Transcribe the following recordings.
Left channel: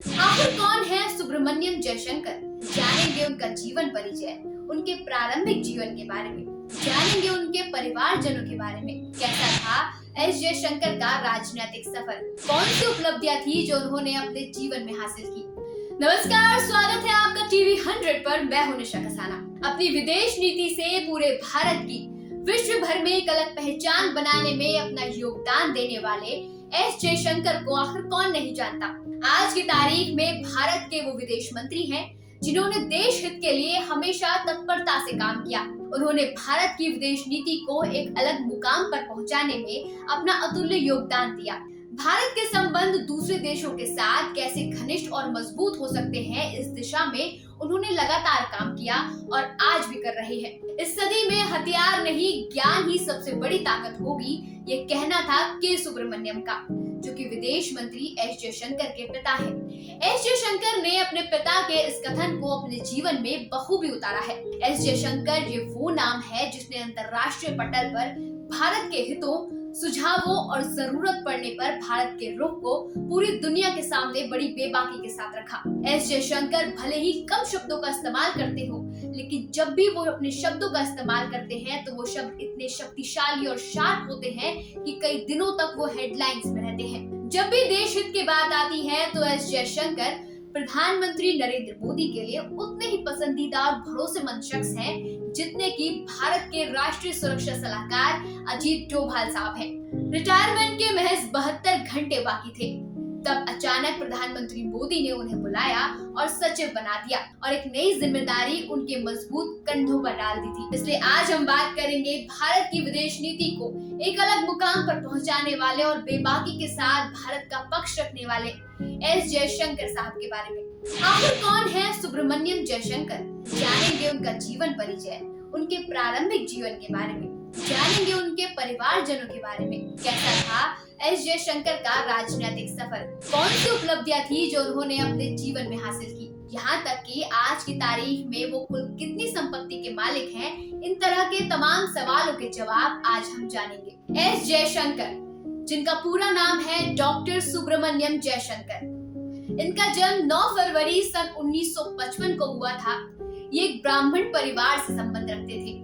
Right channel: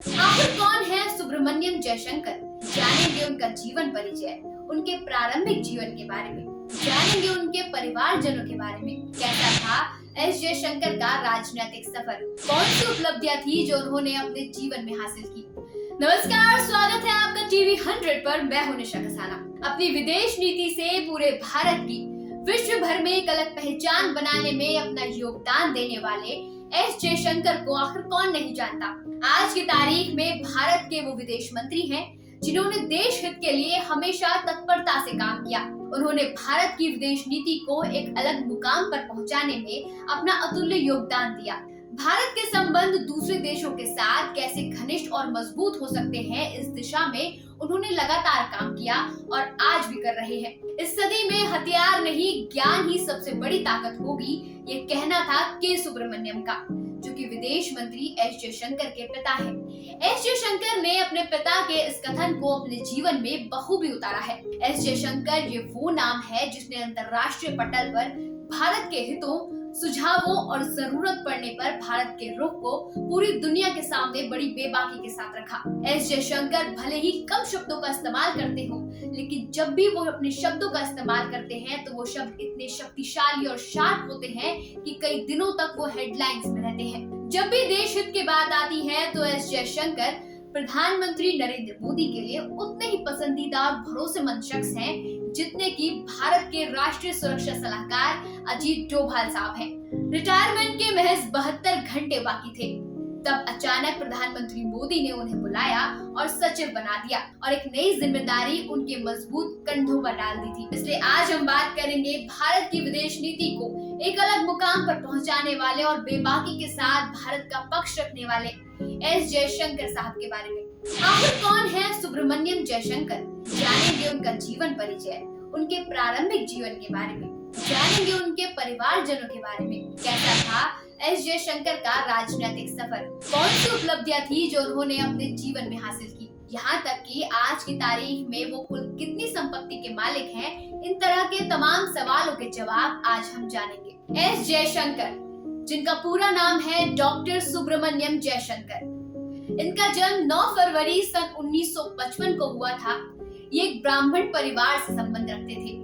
आखिर कौन है सुब्रमण्यम जयशंकर? जानेंगे उनका जीवन परिचय, उनके प्रारंभिक जीवन के बारे में, जानेंगे उनके परिवारजनों के बारे में। कैसा था एस जयशंकर का राजनीतिक सफर? कौन सी उपलब्धियां थी जो उन्होंने अपने जीवन में हासिल की? नमस्कार, स्वागत है आपका टीवी 100 पर। मैं हूं निशा कसाना। अपनी विदेश नीति से पूरे भारत की विश्व भर में एक अलग पहचान बनाने में अपना योगदान देने वाले एस जयशंकर को आखिर कौन नहीं जानता। आज की तारीख में भारत के वो विदेश मंत्री हैं जिन्होंने देश हित के लिए हमेशा तत्परता से काम किया। उन्होंने भारत की विदेश नीति को एक अलग मुकाम पर पहुंचाने में अपना अतुल्य योगदान दिया। भारत के संबंध दूसरे देशों के साथ कैसे घनिष्ठ और मजबूत हो सकते हैं, इस दिशा में उन्होंने लगातार काम किया और आज भी कर रहे हैं। इस सदी में हथियार नहीं, ज्ञान ही सबसे बड़ी ताकत होगी, ये कहना था के सुब्रमण्यम का, जो कि विदेश मंत्री एस जयशंकर के पिता हैं। एस जयशंकर ने अपने पिता के इस कथन को अपने जीवन में बखूबी उतारा है। एस जयशंकर ये वो नाम है जिसने अंतर्राष्ट्रीय पटल पर भारत के हितों, सुझावों और जरूरत पड़ने पर भारत के रुख को पूरी दुनिया के सामने बड़ी बेबाकी के साथ रखा। एस जयशंकर भले ही कम शब्दों का इस्तेमाल करते हो, लेकिन जब भी वो अपने शब्दों का इस्तेमाल करते हैं तो वो शब्द इतने शक्तिशाली और शार्प होते हैं कि कई दिनों तक वो हेडलाइंस में रहते हैं। जब भी देश हित की बात आती है तो एस जयशंकर प्रधानमंत्री नरेंद्र मोदी के लिए उतने ही पसंदीदा और भरोसेमंद शख्स हैं जितने कि भारत के राष्ट्रीय सुरक्षा सलाहकार अजीत डोभाल साहब हैं। रिटायरमेंट के महज 72 घंटे बाकी थे, तब अचानक प्रधानमंत्री मोदी ने उन्हें बुलाया और सचिव बना दिया और एक नई जिम्मेदारी उनके मजबूत कंधों पर डाल दी थी। इसलिए आज हम बात करेंगे भारत की विदेश नीति को एक अलग मुकाम पर पहुंचाने वाले और बेबाकी के साथ भारत का पक्ष रखने वाले एस जयशंकर साहब के बारे में। आखिर कौन है सुब्रमण्यम जयशंकर? जानेंगे उनका जीवन परिचय, उनके प्रारंभिक जीवन के बारे में, जानेंगे उनके परिवारजनों के बारे में। कैसा था एस जयशंकर का राजनीतिक सफर? कौन सी उपलब्धियां थी जो उन्होंने अपने जीवन में हासिल की? यहाँ तक कि आज की तारीख में वो कुल कितनी संपत्ति के मालिक हैं, इन तरह के तमाम सवालों के जवाब आज हम जानेंगे। एस जयशंकर, जिनका पूरा नाम है डॉक्टर सुब्रमण्यम जयशंकर। इनका जन्म 9 फरवरी सन 1955 को हुआ था। ये एक ब्राह्मण परिवार से संबंध रखते थे।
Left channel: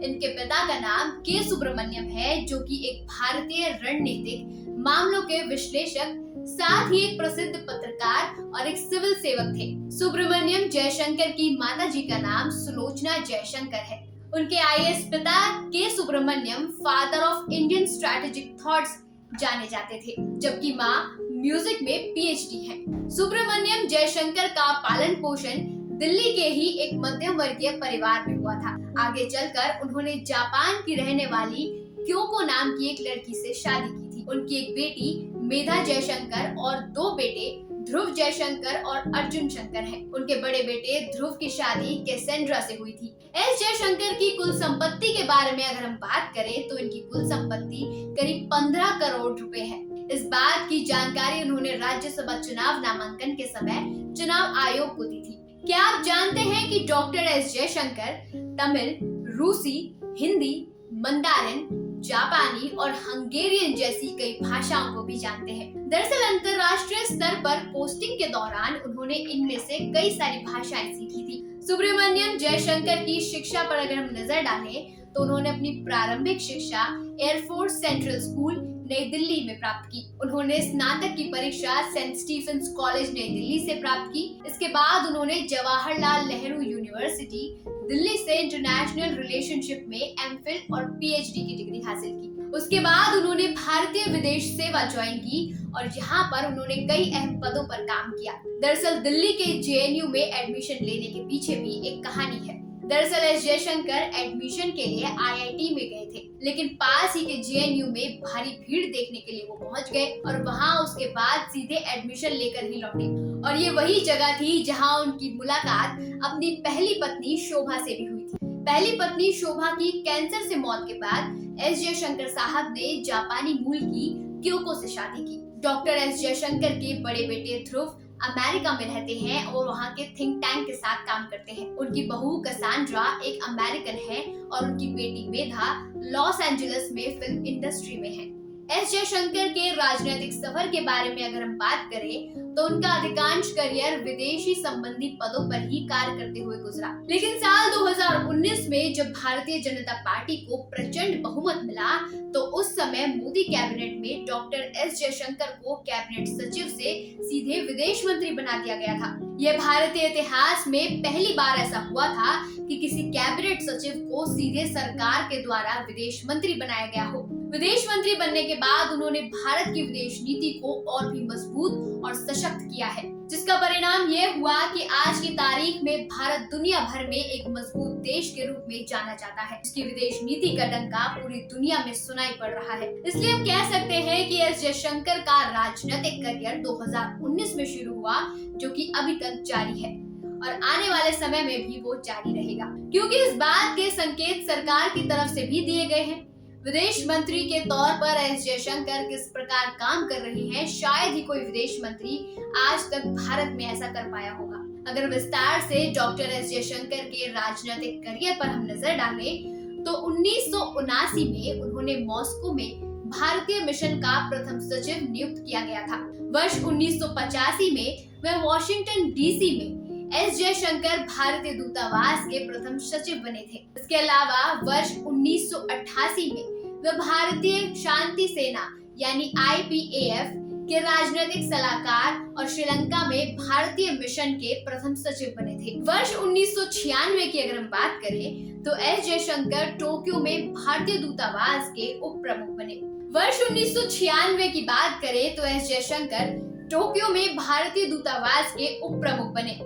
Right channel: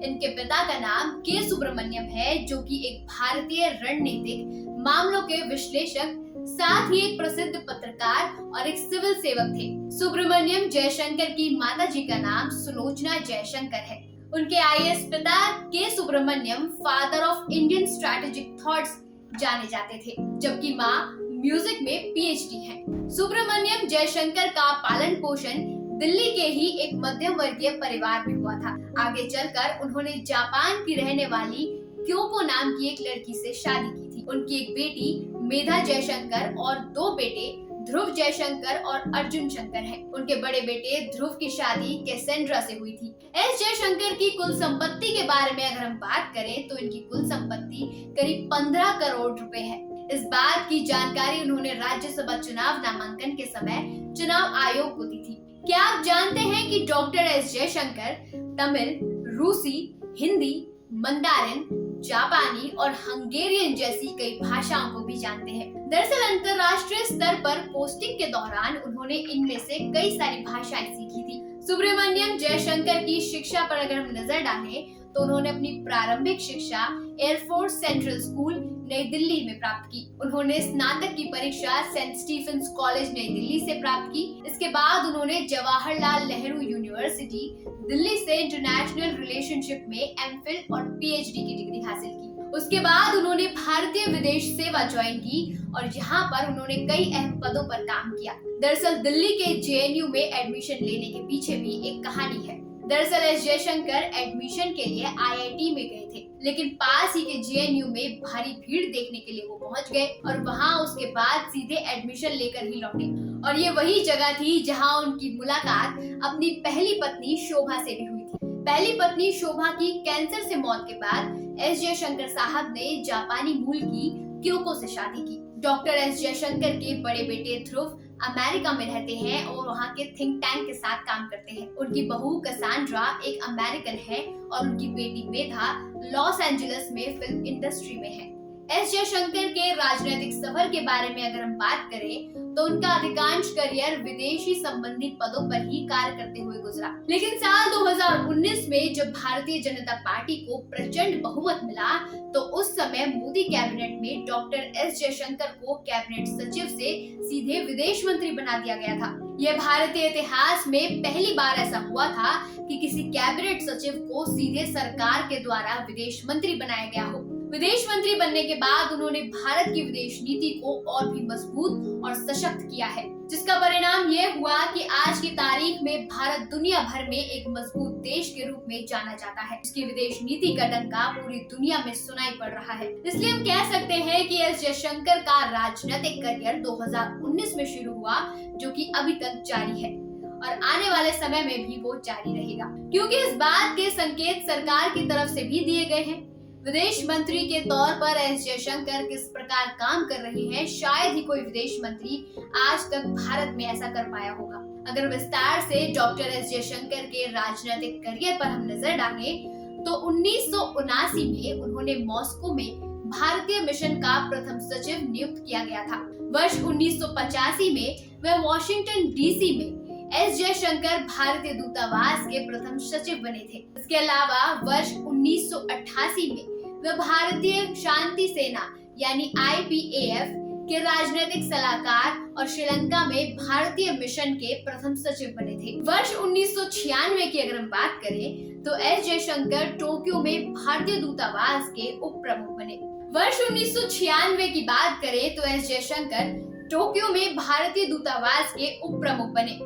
इनके पिता का नाम के सुब्रमण्यम है, जो कि एक भारतीय रणनीतिक मामलों के विश्लेषक, साथ ही एक प्रसिद्ध पत्रकार और एक सिविल सेवक थे। सुब्रमण्यम जयशंकर की माताजी का नाम सुलोचना जयशंकर है। उनके आईएएस पिता K Subrahmanyam father of Indian strategic thoughts जाने जाते थे, जबकि माँ म्यूजिक में पीएचडी है। सुब्रमण्यम जयशंकर का पालन पोषण दिल्ली के ही एक मध्यम वर्गीय परिवार में हुआ था। आगे चलकर उन्होंने जापान की रहने वाली क्योको नाम की एक लड़की से शादी की थी। उनकी एक बेटी मेधा जयशंकर और 2 बेटे ध्रुव जयशंकर और अर्जुन शंकर हैं। उनके बड़े बेटे ध्रुव की शादी कैसेंड्रा से हुई थी। एस जयशंकर की कुल संपत्ति के बारे में अगर हम बात करें तो इनकी कुल संपत्ति करीब 15 करोड़ रुपए है। इस बात की जानकारी उन्होंने राज्यसभा चुनाव नामांकन के समय चुनाव आयोग को दी थी। क्या आप जानते हैं कि डॉक्टर एस जयशंकर तमिल, रूसी, हिंदी, मंदारिन, जापानी और हंगेरियन जैसी कई भाषाओं को भी जानते हैं। दरअसल अंतर्राष्ट्रीय स्तर पर पोस्टिंग के दौरान उन्होंने इनमें से कई सारी भाषाएं सीखी थी। सुब्रमण्यम जयशंकर की शिक्षा पर अगर हम नजर डालें तो उन्होंने अपनी प्रारंभिक शिक्षा एयरफोर्स सेंट्रल स्कूल नई दिल्ली में प्राप्त की। उन्होंने स्नातक की परीक्षा सेंट स्टीफेंस कॉलेज नई दिल्ली से प्राप्त की। इसके बाद उन्होंने जवाहरलाल नेहरू यूनिवर्सिटी दिल्ली से इंटरनेशनल रिलेशनशिप में एमफिल और पीएचडी की डिग्री हासिल की। उसके बाद उन्होंने भारतीय विदेश सेवा ज्वाइन की और यहाँ पर उन्होंने कई अहम पदों पर काम किया। दरअसल दिल्ली के जेएनयू में एडमिशन लेने के पीछे भी एक कहानी है। दरअसल एस जयशंकर एडमिशन के लिए आईआईटी में गए थे, लेकिन पास ही के जेएनयू में भारी भीड़ देखने के लिए वो पहुंच गए और वहां उसके बाद सीधे एडमिशन लेकर ही लौटे। और ये वही जगह थी जहां उनकी मुलाकात अपनी पहली पत्नी शोभा से भी हुई थी। पहली पत्नी शोभा की कैंसर से मौत के बाद एस जयशंकर साहब ने जापानी मूल की क्योको से शादी की। डॉक्टर एस जयशंकर के बड़े बेटे ध्रुव अमेरिका में रहते हैं और वहाँ के थिंक टैंक के साथ काम करते हैं। उनकी बहू कसांड्रा एक अमेरिकन है और उनकी बेटी मेधा लॉस एंजलिस में फिल्म इंडस्ट्री में है। एस जयशंकर के राजनीतिक सफर के बारे में अगर हम बात करें तो उनका अधिकांश करियर विदेशी संबंधी पदों पर ही कार्य करते हुए गुजरा। लेकिन साल 2019 में जब भारतीय जनता पार्टी को प्रचंड बहुमत मिला तो उस समय मोदी कैबिनेट में डॉक्टर एस जयशंकर को कैबिनेट सचिव से सीधे विदेश मंत्री बना दिया गया था। यह भारतीय इतिहास में पहली बार ऐसा हुआ था कि किसी कैबिनेट सचिव को सीधे सरकार के द्वारा विदेश मंत्री बनाया गया हो। विदेश मंत्री बनने के बाद उन्होंने भारत की विदेश नीति को और भी मजबूत और सशक्त किया है, जिसका परिणाम ये हुआ कि आज की तारीख में भारत दुनिया भर में एक मजबूत देश के रूप में जाना जाता है, जिसकी विदेश नीति का डंका पूरी दुनिया में सुनाई पड़ रहा है। इसलिए हम कह सकते हैं कि एस जयशंकर का राजनीतिक करियर 2019 में शुरू हुआ, जो कि अभी तक जारी है और आने वाले समय में भी वो जारी रहेगा, क्योंकि इस बात के संकेत सरकार की तरफ से भी दिए गए हैं। विदेश मंत्री के तौर पर एस जयशंकर किस प्रकार काम कर रहे हैं, शायद ही कोई विदेश मंत्री आज तक भारत में ऐसा कर पाया होगा। अगर विस्तार से डॉक्टर एस जयशंकर के राजनीतिक करियर पर हम नजर डालें तो 1979 में उन्होंने मॉस्को में भारतीय मिशन का प्रथम सचिव नियुक्त किया गया था। वर्ष 1985 में वह वॉशिंगटन डीसी में एस जयशंकर भारतीय दूतावास के प्रथम सचिव बने थे। इसके अलावा वर्ष 1988 में वह भारतीय शांति सेना यानी IPAF के राजनीतिक सलाहकार और श्रीलंका में भारतीय मिशन के प्रथम सचिव बने थे। वर्ष 1996 की अगर हम बात करें तो एस जयशंकर टोक्यो में भारतीय दूतावास के उप प्रमुख बने। वर्ष 1996 की बात करें तो एस जयशंकर टोक्यो में भारतीय दूतावास के उप प्रमुख बने।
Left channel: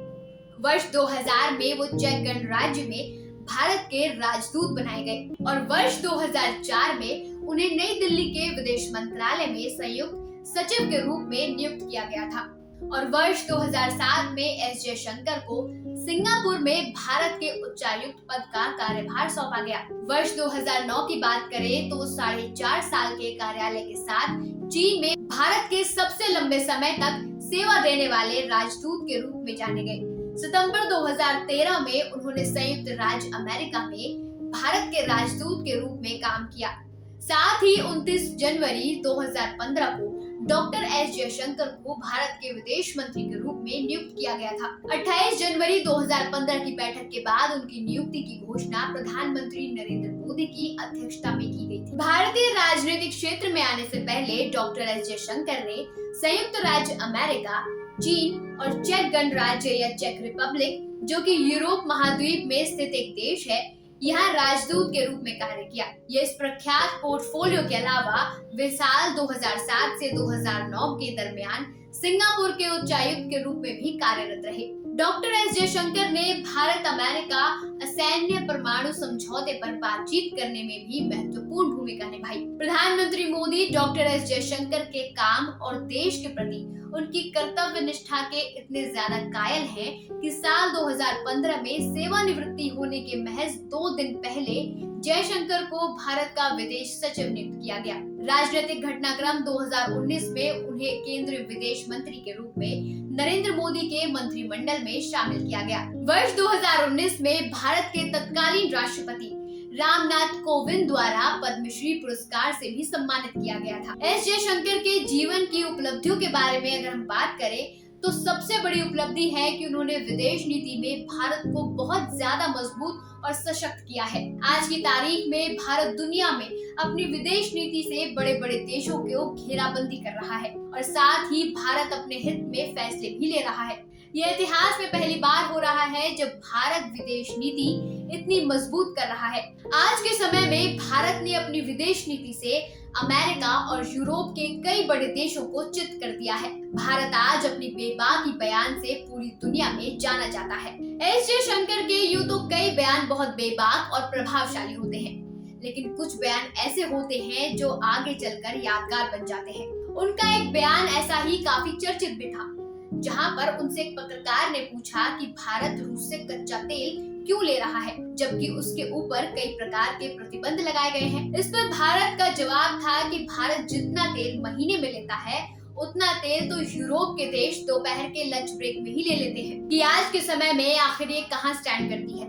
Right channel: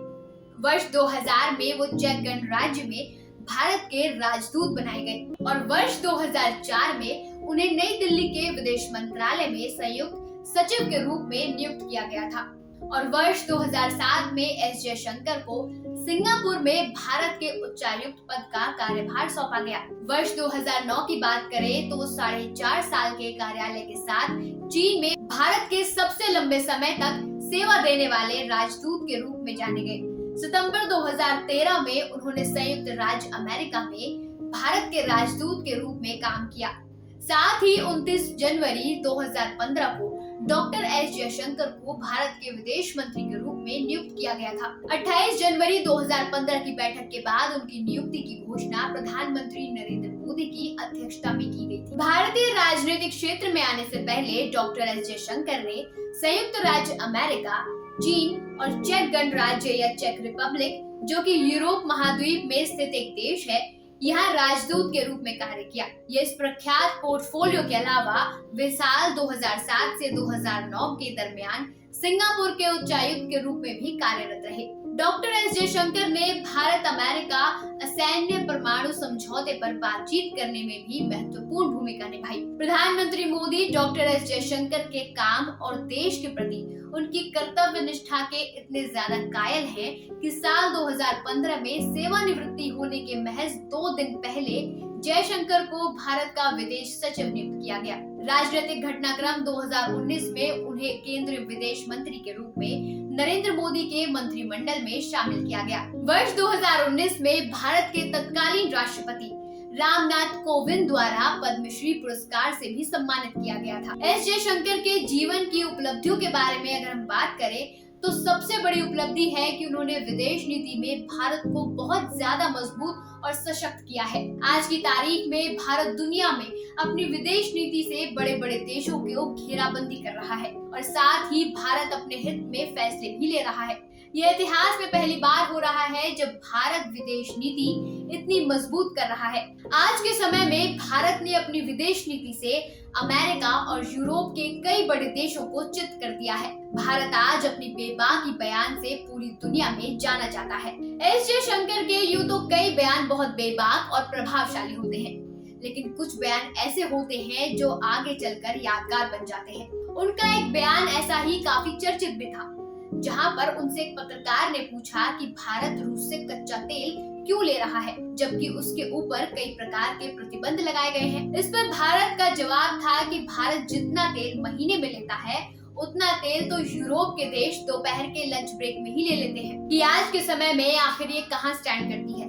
वर्ष 2000 में वो चेक गणराज्य में भारत के राजदूत बनाए गए और वर्ष 2004 में उन्हें नई दिल्ली के विदेश मंत्रालय में संयुक्त सचिव के रूप में नियुक्त किया गया था और वर्ष 2007 में एस जयशंकर को सिंगापुर में भारत के उच्चायुक्त पद का कार्यभार सौंपा गया। वर्ष 2009 की बात करें तो 4.5 साल के कार्यालय के साथ चीन में भारत के सबसे लंबे समय तक सेवा देने वाले राजदूत के रूप में जाने गए। सितंबर 2013 में उन्होंने संयुक्त राज्य अमेरिका में भारत के राजदूत के रूप में काम किया। साथ ही 29 जनवरी 2015 को डॉक्टर एस जयशंकर को भारत के विदेश मंत्री के रूप में नियुक्त किया गया था। 28 जनवरी 2015 की बैठक के बाद उनकी नियुक्ति की घोषणा प्रधानमंत्री नरेंद्र मोदी की अध्यक्षता में की गई थी। भारतीय राजनीतिक क्षेत्र में आने से पहले डॉक्टर एस जयशंकर ने संयुक्त राज्य अमेरिका, चीन और चेक गणराज्य या चेक रिपब्लिक, जो कि यूरोप महाद्वीप में स्थित एक देश है, यहाँ राजदूत के रूप में कार्य किया। ये इस प्रख्यात पोर्टफोलियो के अलावा वे साल 2007 से 2009 के दरमियान सिंगापुर के उच्चायुक्त के रूप में भी कार्यरत रहे। डॉक्टर एस जयशंकर ने भारत अमेरिका असैन्य परमाणु समझौते पर बातचीत करने में भी महत्वपूर्ण भूमिका निभाई। प्रधानमंत्री मोदी डॉक्टर एस जयशंकर के काम और देश के प्रति उनकी कर्तव्य निष्ठा के इतने ज्यादा कायल हैं कि साल 2015 में सेवानिवृत्ति होने के महज 2 दिन पहले जयशंकर को भारत का विदेश सचिव नियुक्त किया गया। राजनीतिक घटनाक्रम 2019 में उन्हें केंद्रीय विदेश मंत्री के रूप में नरेंद्र मोदी के मंत्रिमंडल में शामिल किया गया। वर्ष 2019 में भारत के तत्कालीन राष्ट्रपति रामनाथ कोविंद द्वारा पद्मश्री पुरस्कार से भी सम्मानित किया गया था। एस जयशंकर के जीवन की उपलब्धियों के बारे में अगर हम बात करें तो सबसे बड़ी उपलब्धि है कि उन्होंने विदेश नीति में भारत को बहुत ज्यादा मजबूत और सशक्त किया है। आज की तारीख में भारत दुनिया में अपनी विदेश नीति से बड़े बड़े देशों को घेराबंदी कर रहा है और साथ ही भारत अपने हित में फैसले भी ले रहा है। यह इतिहास में पहली बार हो रहा है जब भारत विदेश नीति इतनी मजबूत कर रहा है। आज के समय में भारत ने अपनी विदेश नीति से अमेरिका और यूरोप के कई बड़े देशों को चित कर दिया है। भारत आज अपनी बेबाकी बयान से पूरी दुनिया में जाना जाता है। एस जयशंकर के यूं तो कई बयान बहुत बेबाक और प्रभावशाली होते हैं, लेकिन कुछ बयान ऐसे होते हैं जो आगे चलकर यादगार बन जाते हैं। उनका एक बयान ऐसा ही काफी चर्चित भी था, जहां पर उनसे एक पत्रकार ने पूछा कि भारत रूस से कच्चा तेल क्यों ले रहा है, जबकि उसके ऊपर कई प्रकार के प्रतिबंध लगाए गए हैं। इस पर भारत का जवाब था कि भारत जितना तेल महीने में लेता है उतना तेल तो यूरोप के देश दोपहर के लंच ब्रेक में ही ले लेते हैं। कि आज के समय में आखिर ये कहां स्टैंड करती है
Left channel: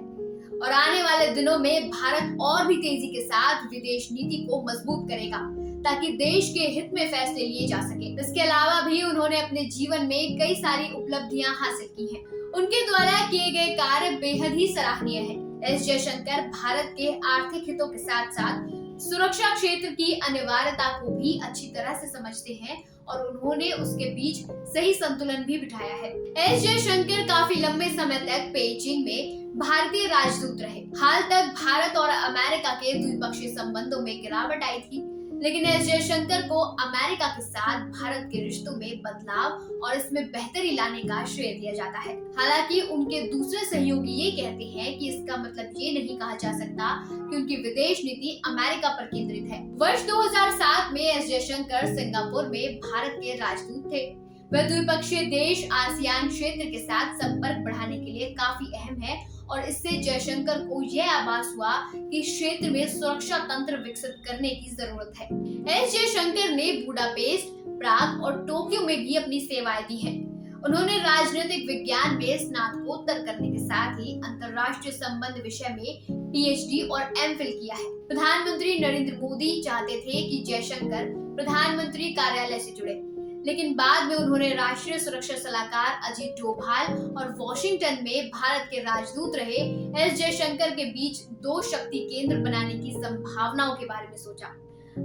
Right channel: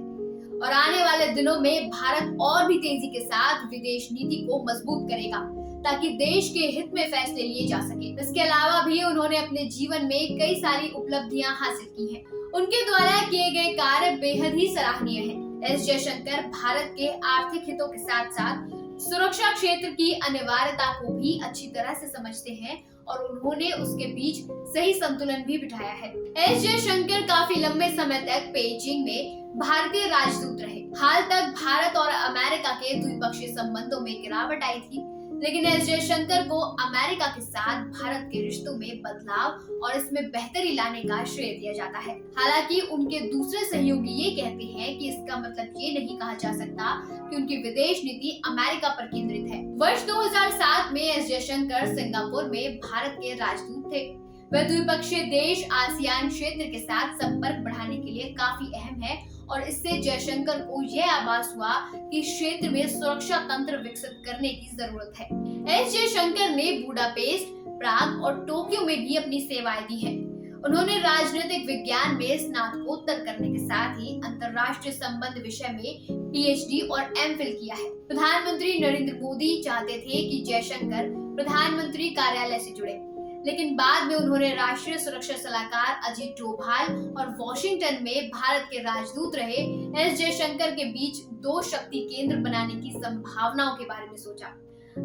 और आने वाले दिनों में भारत और भी तेजी के साथ विदेश नीति को मजबूत करेगा ताकि देश के हित में फैसले लिए जा सके। इसके अलावा भी उन्होंने अपने जीवन में कई सारी उपलब्धियां हासिल की हैं। उनके द्वारा किए गए कार्य बेहद ही सराहनीय है। एस जयशंकर भारत के आर्थिक हितों के साथ साथ सुरक्षा क्षेत्र की अनिवार्यता को भी अच्छी तरह से समझते हैं और उन्होंने उसके बीच सही संतुलन भी बिठाया है। एस जयशंकर काफी लंबे समय तक पेइचिंग में भारतीय राजदूत रहे। हाल तक भारत और अमेरिका के द्विपक्षीय संबंधों में गिरावट आई थी, लेकिन एस जयशंकर को अमेरिका के साथ भारत के रिश्तों में बदलाव और इसमें बेहतरी लाने का श्रेय दिया जाता है। हालांकि उनके दूसरे सहयोगी ये कहते हैं कि इसका मतलब ये नहीं कहा जा सकता कि उनकी विदेश नीति अमेरिका पर केंद्रित है। वर्ष 2007 में एस जयशंकर सिंगापुर में भारत के राजदूत थे। वह द्विपक्षीय देश आसियान क्षेत्र के साथ संपर्क बढ़ाने के लिए काफी अहम है और इससे जयशंकर को यह आभास हुआ कि क्षेत्र में सुरक्षा तंत्र विकसित करने की जरूरत है। एस जयशंकर ने बुडापेस्ट, प्राग और टोक्यो में भी अपनी सेवाएं दी हैं। उन्होंने राजनीतिक विज्ञान में स्नातकोत्तर करने के साथ ही अंतर्राष्ट्रीय संबंध विषय में पीएचडी और एमफिल किया है। प्रधानमंत्री नरेंद्र मोदी चाहते थे कि जयशंकर प्रधानमंत्री कार्यालय से जुड़े, लेकिन बाद में उन्होंने राष्ट्रीय सुरक्षा सलाहकार अजीत डोभाल और वॉशिंगटन में भारत के राजदूत रहे एस जयशंकर के बीच दो शक्ति केंद्र बनाने की संभावनाओं के बारे में सोचा।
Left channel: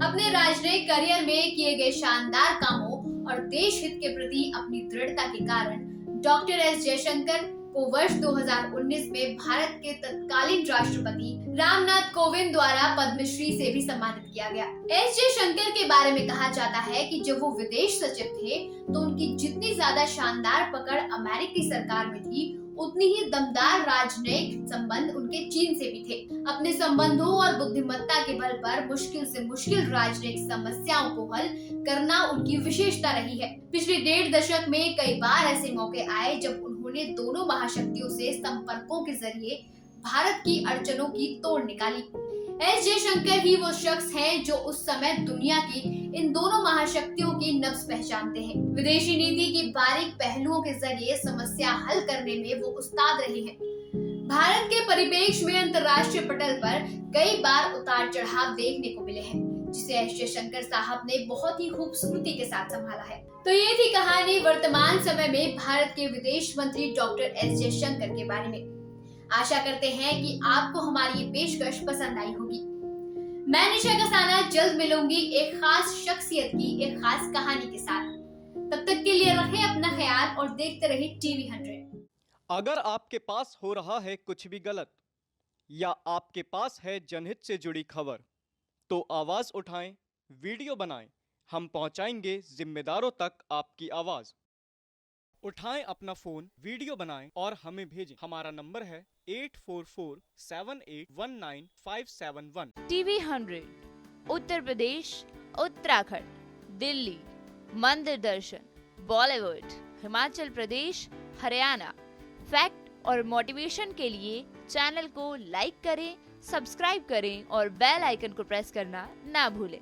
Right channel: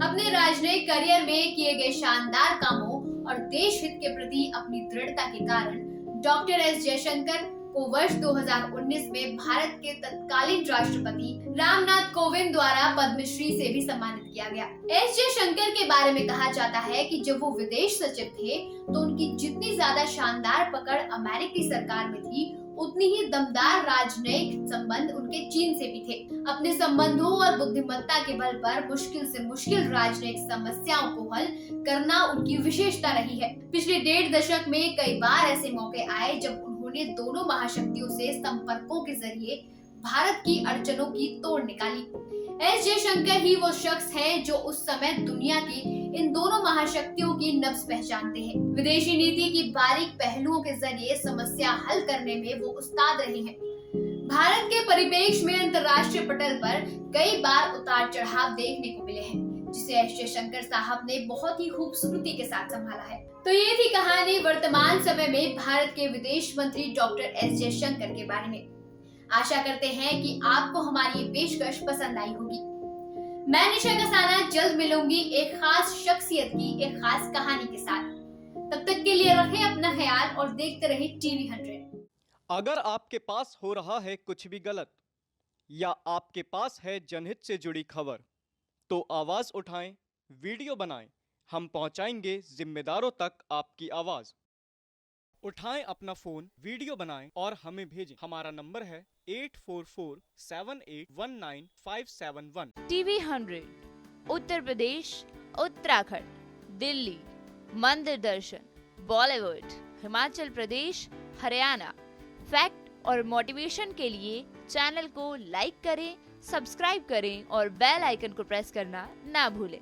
अपने राजनयिक करियर में किए गए शानदार कामों और देश हित के प्रति अपनी दृढ़ता के कारण डॉक्टर एस जयशंकर को वर्ष 2019 में भारत के तत्कालीन राष्ट्रपति रामनाथ कोविंद द्वारा पद्मश्री से भी सम्मानित किया गया। एस जयशंकर के बारे में कहा जाता है कि जब वो विदेश सचिव थे तो उनकी जितनी ज्यादा शानदार पकड़ अमेरिकी सरकार में थी, उतनी ही दमदार राजनयिक संबंध उनके चीन से भी थे। अपने संबंधों और बुद्धिमत्ता के बल पर मुश्किल से मुश्किल राजनयिक समस्याओं को हल करना उनकी विशेषता रही है। पिछले 1.5 दशक में कई बार ऐसे मौके आए जब उन्होंने दोनों महाशक्तियों से संपर्कों के जरिए भारत की अड़चनों की तोड़ निकाली। एस जयशंकर ही वो शख्स हैं जो उस समय दुनिया की इन दोनों महाशक्तियों की नब्ज पहचानते हैं। विदेशी नीति की बारीक पहलुओं के जरिए समस्या हल करने में वो उस्ताद रहे हैं। भारत के परिप्रेक्ष्य में अंतर्राष्ट्रीय पटल पर कई बार उतार चढ़ाव देखने को मिले हैं, जिसे एस जयशंकर साहब ने बहुत ही खूबसूरती के साथ संभाला है। तो ये थी कहानी वर्तमान समय में भारत के विदेश मंत्री डॉक्टर एस जयशंकर के बारे में। आशा करते हैं कि आपको हमारी ये पेशकश पसंद आई होगी। मैं निशा कसाना जल्द मिलूंगी एक खास शख्सियत की एक खास कहानी के साथ। तब तक के लिए रखें अपना ख्याल और देखते रहिए टीवी 100। अगर आपके पास हो रहा है कुछ भी गलत या आपके पास है जनहित से जुड़ी खबर, तो आवाज उठाएं, वीडियो बनाएं, हम पहुंचाएंगे जिम्मेदारों तक आपकी आवाज। उठाएं अपना फोन, वीडियो बनाएं और हमें भेजें। हमारा नंबर है 8447819571। टीवी 100, उत्तर प्रदेश, उत्तराखंड, दिल्ली, मंदिर दर्शन, बॉलीवुड, हिमाचल प्रदेश, हरियाणा। फैक्ट और मोटिवेशन के लिए चैनल को लाइक करें, सब्सक्राइब करें और बेल आइकन को प्रेस करना ना भूलें।